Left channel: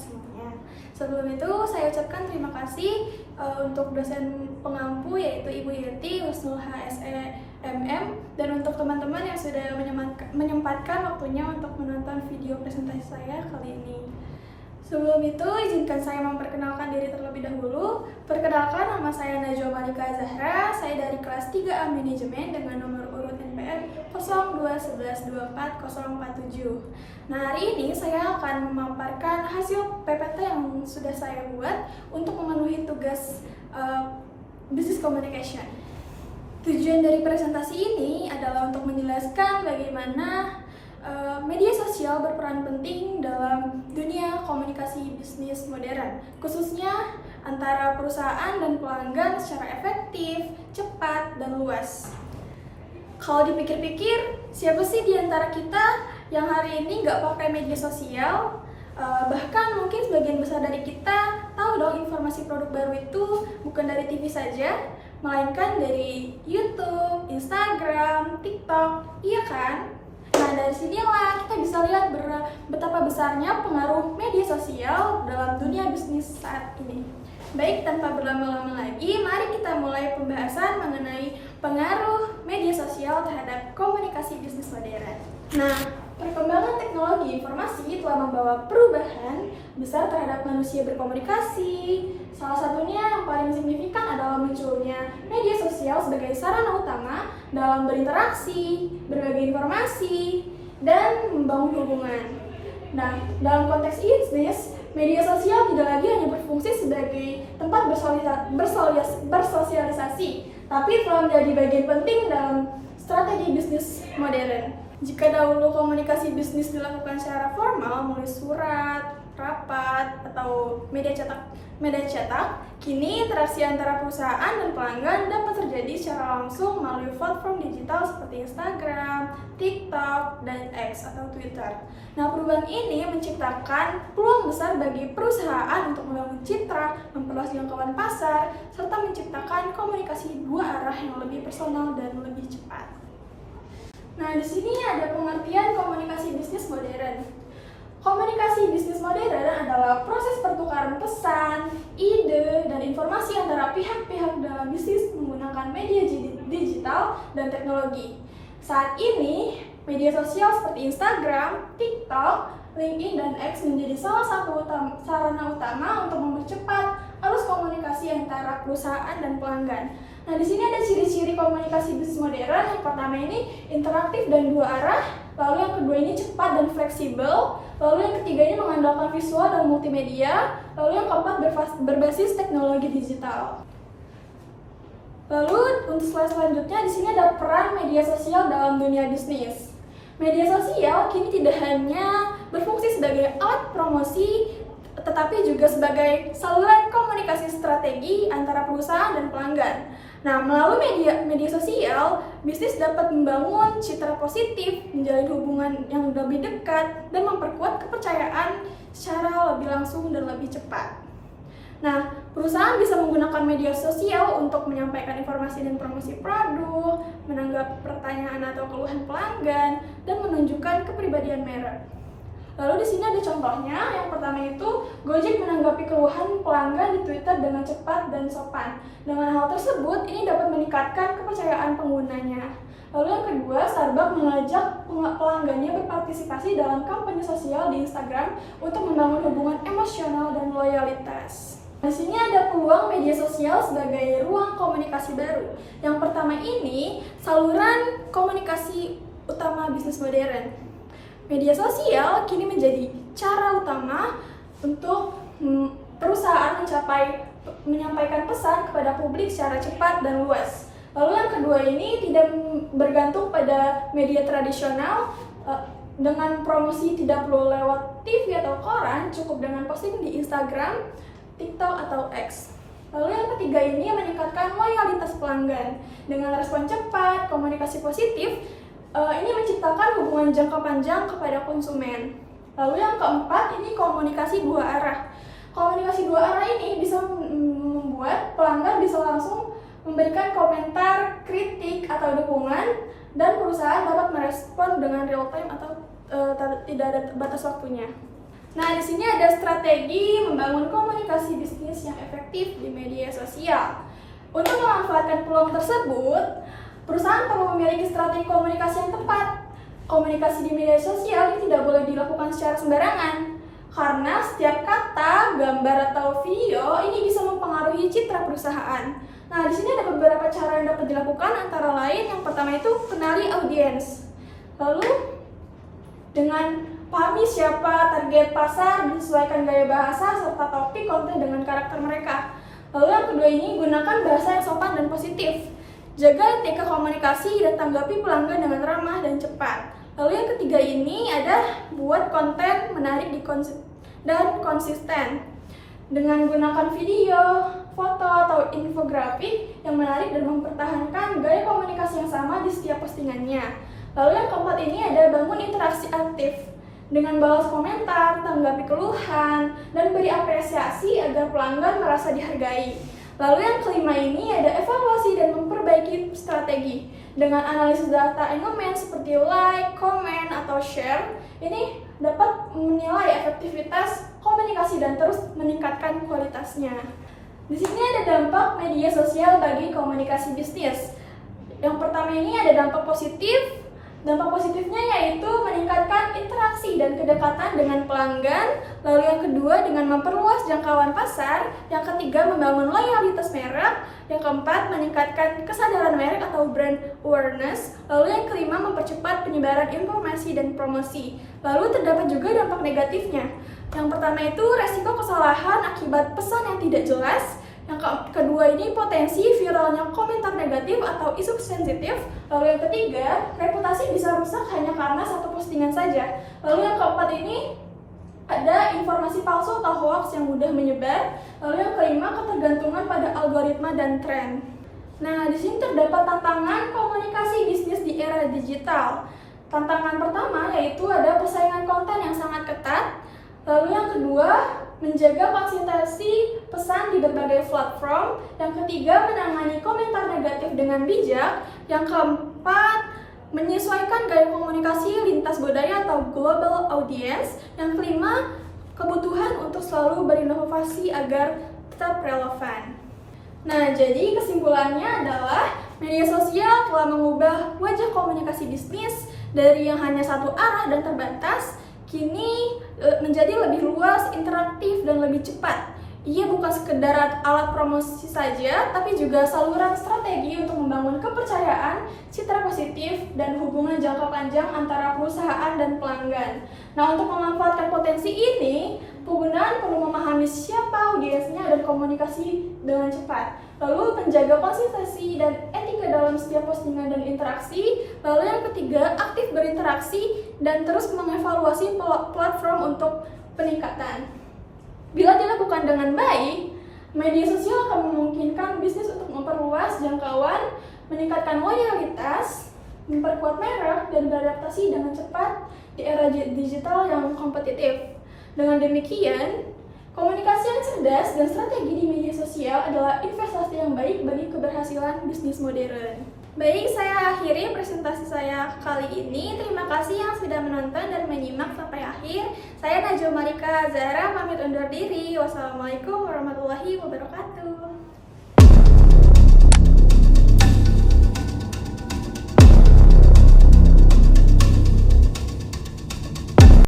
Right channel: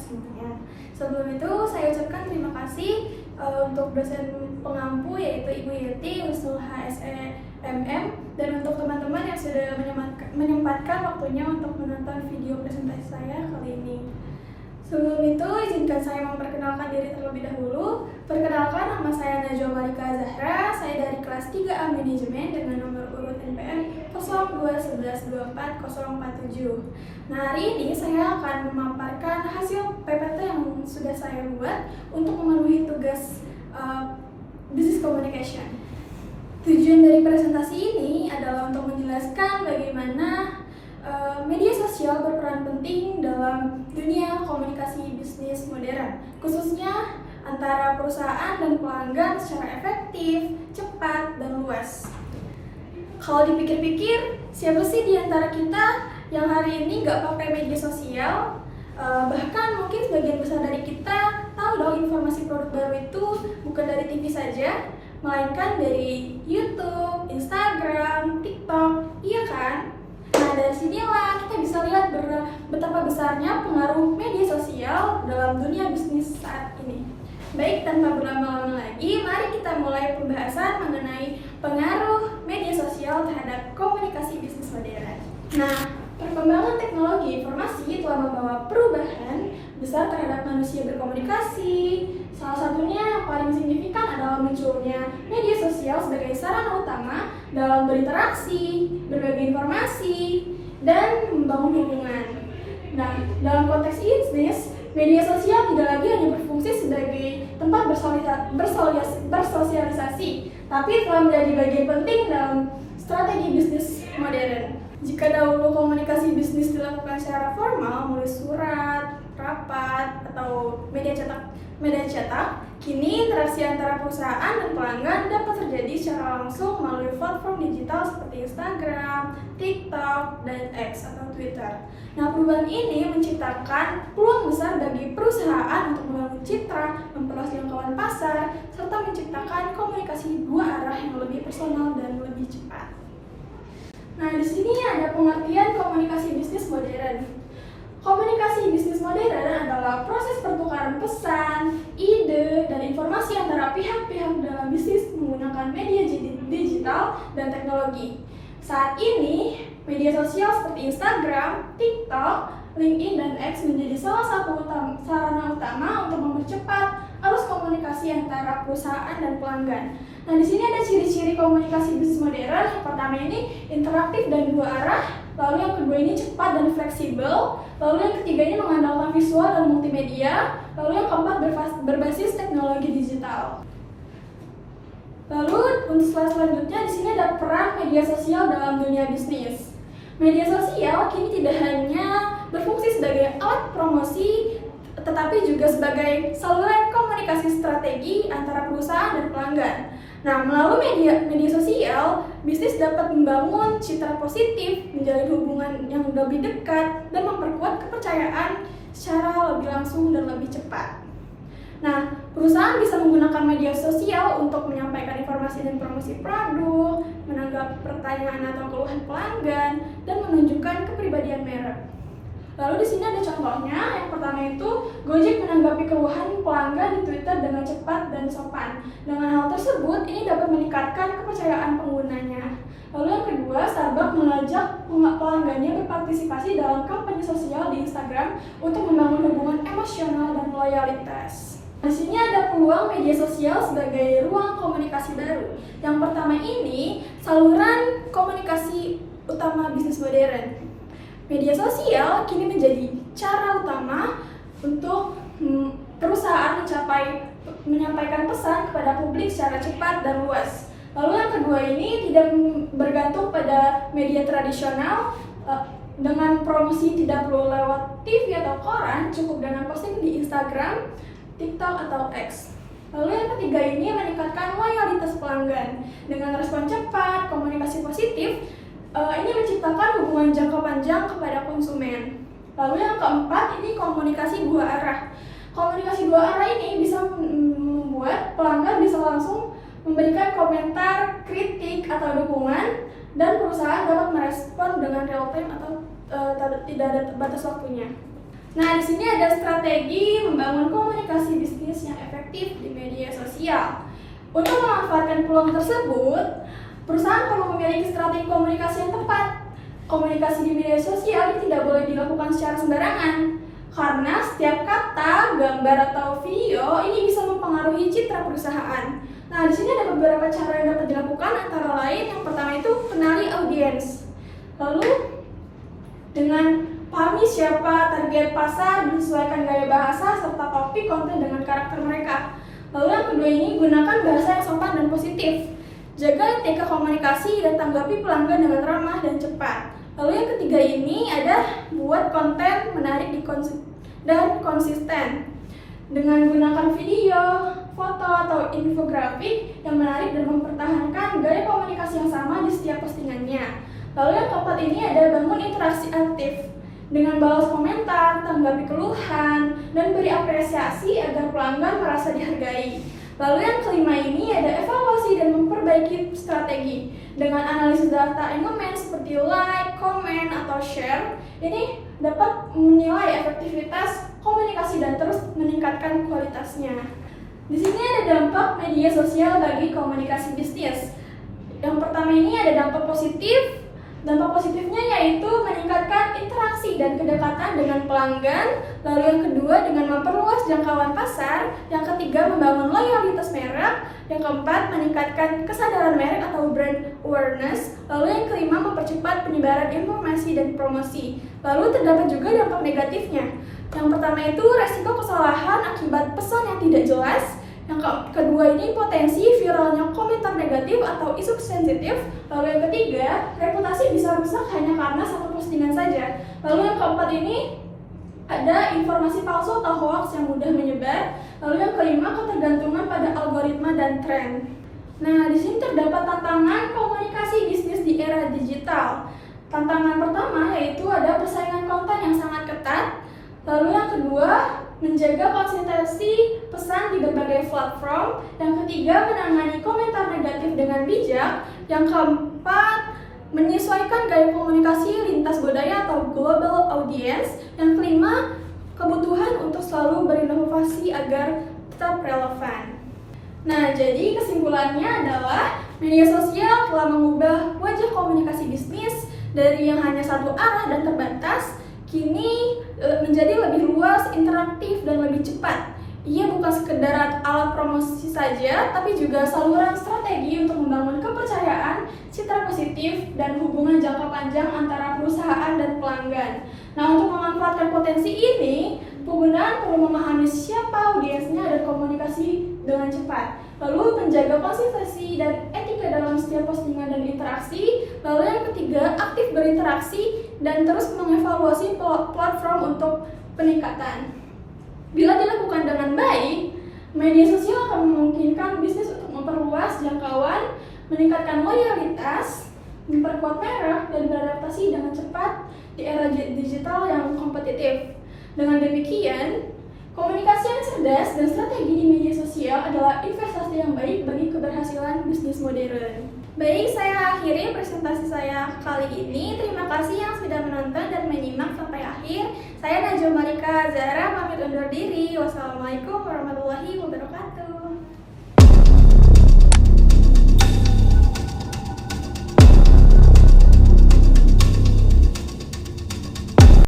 semuanya. Sebelum itu, saya ucapkan terima kasih untuk dosen pengampu yaitu Ibu Yeti, Husnul HSEMM, dan untuk teman-teman yang sudah menyempatkan waktunya untuk menonton video presentasi saya kali ini. Sebelum itu, izinkan saya memperkenalkan diri terlebih dahulu. Perkenalkan, nama saya Najwa Malika Zahra. Saya dari kelas 3A Manajemen dengan nomor urut NPM 0211240047. Nah, hari ini saya akan memaparkan hasil PPT yang sudah saya buat untuk memenuhi tugas Business Communication. Tujuan dari presentasi ini adalah untuk menjelaskan bagaimana media sosial berperan penting dalam dunia komunikasi bisnis modern, khususnya antara perusahaan dan pelanggan secara efektif, cepat, dan luas. Kalau dipikir-pikir, siapa sih di antara kita yang hari ini nggak pakai media sosial? Bahkan mungkin sebagian besar dari kita tahu dong informasi produk baru itu bukan dari TV saja, melainkan dari YouTube, Instagram, TikTok, iya kan? Nah, dari sinilah kita bisa lihat betapa besarnya pengaruh media sosial dalam dunia bisnis saat ini. Baik, tanpa berlama-lama lagi, mari kita mulai pembahasan mengenai pengaruh media sosial terhadap komunikasi bisnis modern. Nah, perkembangan teknologi informasi telah membawa perubahan besar terhadap manusia berkomunikasi. Salah satunya yang paling signifikan adalah munculnya media sosial sebagai sarana utama dalam berinteraksi, berbagi informasi, dan membangun hubungan. Nah, dalam konteks bisnis, media sosial tidak lagi hanya berfungsi sebagai tempat bersosialisasi, tapi telah menjadi bagian penting dalam strategi bisnis modern. Jika dahulu komunikasi bisnis dilakukan secara formal melalui surat, rapat, atau media cetak, kini interaksi antara perusahaan dan pelanggan dapat terjadi secara langsung melalui platform digital seperti Instagram, TikTok, dan X atau Twitter. Nah, perubahan ini menciptakan peluang besar bagi perusahaan untuk membangun citra, memperluas jangkauan pasar, serta menciptakan komunikasi dua arah yang lebih personal dan lebih cepat. Nah, di sini ada pengertian komunikasi bisnis modern. Komunikasi bisnis modern adalah proses pertukaran pesan, ide, dan informasi antara pihak-pihak dalam bisnis menggunakan media digital dan teknologi. Saat ini, media sosial seperti Instagram, TikTok, LinkedIn, dan X menjadi salah satu sarana utama untuk mempercepat arus komunikasi antara perusahaan dan pelanggan. Nah, di sini ada ciri-ciri komunikasi bisnis modern. Yang pertama ini interaktif dan dua arah, lalu yang kedua ini cepat dan fleksibel, lalu yang ketiga ini mengandalkan visual dan multimedia, lalu yang keempat berbasis teknologi digital. Lalu untuk slide selanjutnya di sini ada peran media sosial dalam dunia bisnis. Media sosial kini tidak hanya berfungsi sebagai alat promosi, tetapi juga sebagai saluran komunikasi strategi antara perusahaan dan pelanggan. Nah, melalui media sosial, bisnis dapat membangun citra positif, menjalin hubungan yang lebih dekat, dan memperkuat kepercayaan secara lebih langsung dan lebih cepat. Nah, perusahaan bisa menggunakan media sosial untuk menyampaikan informasi dan promosi produk, menanggapi pertanyaan atau keluhan pelanggan, dan menunjukkan kepribadian merek. Lalu di sini ada contohnya. Yang pertama itu, Gojek menanggapi keluhan pelanggan di Twitter dengan cepat dan sopan. Dengan hal tersebut, ini dapat meningkatkan kepercayaan penggunanya. Lalu yang kedua, Starbucks mengajak pelanggannya berpartisipasi dalam kampanye sosial di Instagram untuk membangun hubungan emosional dan loyalitas. Di sini ada peluang media sosial sebagai ruang komunikasi baru. Yang pertama ini, saluran komunikasi utama bisnis modern. Media sosial kini menjadi cara utama untuk perusahaan menyampaikan pesan kepada publik secara cepat dan luas. Lalu yang kedua ini tidak bergantung pada media tradisional, dengan promosi tidak perlu lewat TV atau koran, cukup dengan posting di Instagram, TikTok, atau X. Lalu yang ketiga ini meningkatkan loyalitas pelanggan. Dengan respon cepat, komunikasi positif, ini menciptakan hubungan jangka panjang kepada konsumen. Lalu yang keempat ini komunikasi dua arah. Komunikasi dua arah ini bisa membuat pelanggan bisa langsung memberikan komentar, kritik, atau dukungan, dan perusahaan dapat merespon dengan real time atau tidak ada batas waktunya. Nah, di sini ada strategi membangun komunikasi bisnis yang efektif di media sosial. Untuk memanfaatkan peluang tersebut, perusahaan perlu memiliki strategi komunikasi yang tepat. Komunikasi di media sosial ini tidak boleh dilakukan secara sembarangan, karena setiap kata, gambar, atau video ini bisa mempengaruhi citra perusahaan. Nah, di sini ada beberapa cara yang dapat dilakukan, antara lain yang pertama itu kenali audiens. Lalu dengan pahami siapa target pasar, menyesuaikan gaya bahasa serta topik konten dengan karakter mereka. Lalu yang kedua ini gunakan bahasa yang sopan dan positif. Jaga etika komunikasi dan tanggapi pelanggan dengan ramah dan cepat. Lalu yang ketiga ini ada buat konten menarik dan konsisten. Dengan gunakan video, foto, atau infografik yang menarik dan mempertahankan gaya komunikasi yang sama di setiap postingannya. Lalu yang keempat ini ada bangun interaksi aktif. Dengan balas komentar, tanggapi keluhan, dan beri apresiasi agar pelanggan merasa dihargai. Lalu yang kelima ini ada evaluasi dan memperbaiki strategi. Dengan analisis data engagement seperti like, comment, atau share, ini dapat menilai efektivitas komunikasi dan terus meningkatkan kualitasnya. Di sini ada dampak media sosial bagi komunikasi bisnis. Yang pertama ini ada dampak positif. Dampak positifnya yaitu meningkatkan interaksi dan kedekatan dengan pelanggan. Lalu yang kedua dengan memperluas jangkauan pasar. Yang ketiga membangun loyalitas merek. Yang keempat meningkatkan kesadaran merek atau brand awareness. Lalu yang kelima mempercepat penyebaran informasi dan promosi. Lalu terdapat juga dampak negatifnya. Yang pertama itu resiko kesalahan akibat pesan yang tidak jelas. Yang kedua ini potensi viralnya komentar negatif atau isu sensitif. Lalu yang ketiga, reputasi bisa rusak hanya karena satu postingan saja. Lalu yang keempat ini ada informasi palsu atau hoax yang mudah menyebar. Lalu yang kelima, ketergantungan pada algoritma dan tren. Nah, di sini terdapat tantangan komunikasi bisnis di era digital. Tantangan pertama yaitu ada persaingan konten yang sangat ketat. Lalu yang kedua, menjaga konsistensi pesan di berbagai platform. Yang ketiga, menangani komentar negatif dengan bijak. Yang keempat, menyesuaikan gaya komunikasi lintas budaya atau global audience. Yang kelima, kebutuhan untuk selalu berinovasi agar tetap relevan. Nah, jadi kesimpulannya adalah media sosial telah mengubah wajah komunikasi bisnis dari yang hanya satu arah dan terbatas, kini menjadi lebih luas, interaktif, dan lebih cepat. Ia bukan sekedar alat promosi saja, tapi juga saluran strategi untuk membangun kepercayaan, citra positif, dan hubungan jangka panjang antara perusahaan dan pelanggan. Nah, untuk memanfaatkan potensi ini, penggunaan perlu memahami siapa audiensnya dan komunikasi dengan cepat. Lalu menjaga konsistensi dan etika dalam setiap postingan dan interaksi. Lalu yang ketiga, aktif berinteraksi dan terus mengevaluasi platform untuk peningkatan. Bila dilakukan dengan baik, media sosial akan memungkinkan bisnis untuk memperluas jangkauan, meningkatkan loyalitas, memperkuat merek, dan beradaptasi dengan cepat di era digital yang kompetitif. Dengan demikian, komunikasi yang cerdas dan strategi di media sosial adalah investasi yang baik bagi keberhasilan bisnis modern. Baik, saya akhiri presentasi saya kali ini. Terima kasih yang sudah menonton dan menyimak sampai akhir. Saya Najwa Marika Zahra pamit undur diri. Wassalamualaikum warahmatullahi wabarakatuh.